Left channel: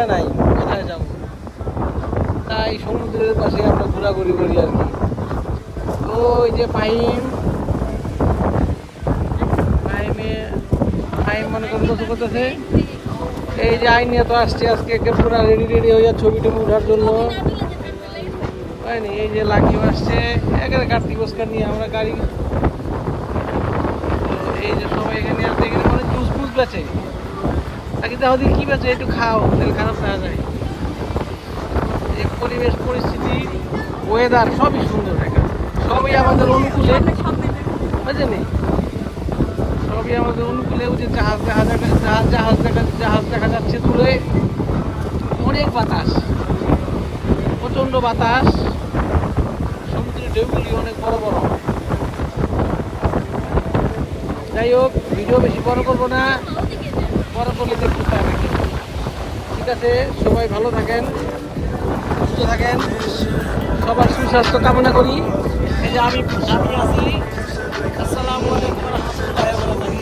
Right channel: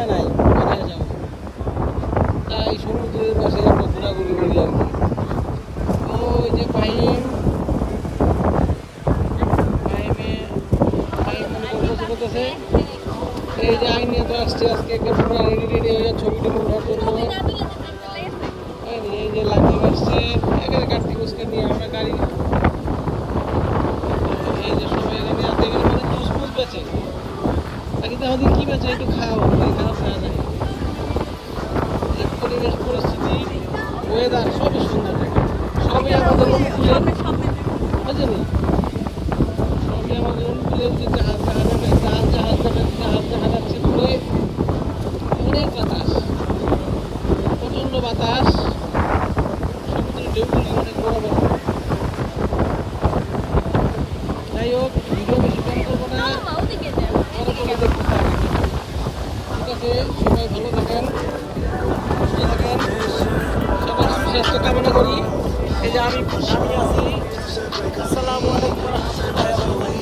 ঠিকানা নাই কোথায় যাবো, তাই সমুদ্রের পাশে আমরা ঘোরাঘুরি করি আর কি। তো ওই যে ফাহিম মনে করতেছে এই যে আইন নিয়ে তো আসছে আজকে পুরো রেডি হয়ে ছবি টবি ওঠার জন্য। এই যে লাকিও আসছে এখানে কার্তিক ওস্কার নিয়ে আমরা গাড়ি। এই যে সবাই এখানে আছে, এখানে মানে জুস ফুস বেচে আগে তো আমাদের কি বেচে একটু খাও, খারাপ না যায়। এই পরিবেশ পরিস্থিতি ওয়েদার সবই সুন্দর, সবই আমাদের অনুকূলে বুঝলেন, সবই আমাদের অনুকূলে। ওই যে জাহাজ দেখা যাচ্ছে দূরে, অনেক বাতাস, প্রচন্ড বাতাস, সমুদ্রের ঢেউগুলি অনেক বড় বড়। যাই হোক, ভিডিও বেশি বড় করবো না, বড় করলে দেখতে থাকি। ঠিক আছে, সবাই ভালো থাকেন, সুস্থ থাকেন, সবার সুস্বাস্থ্য কামনা করি। এই যে আমি আসি। আসসালামু আলাইকুম ওয়া রাহমাতুল্লাহি ওয়া বারাকাতুহু।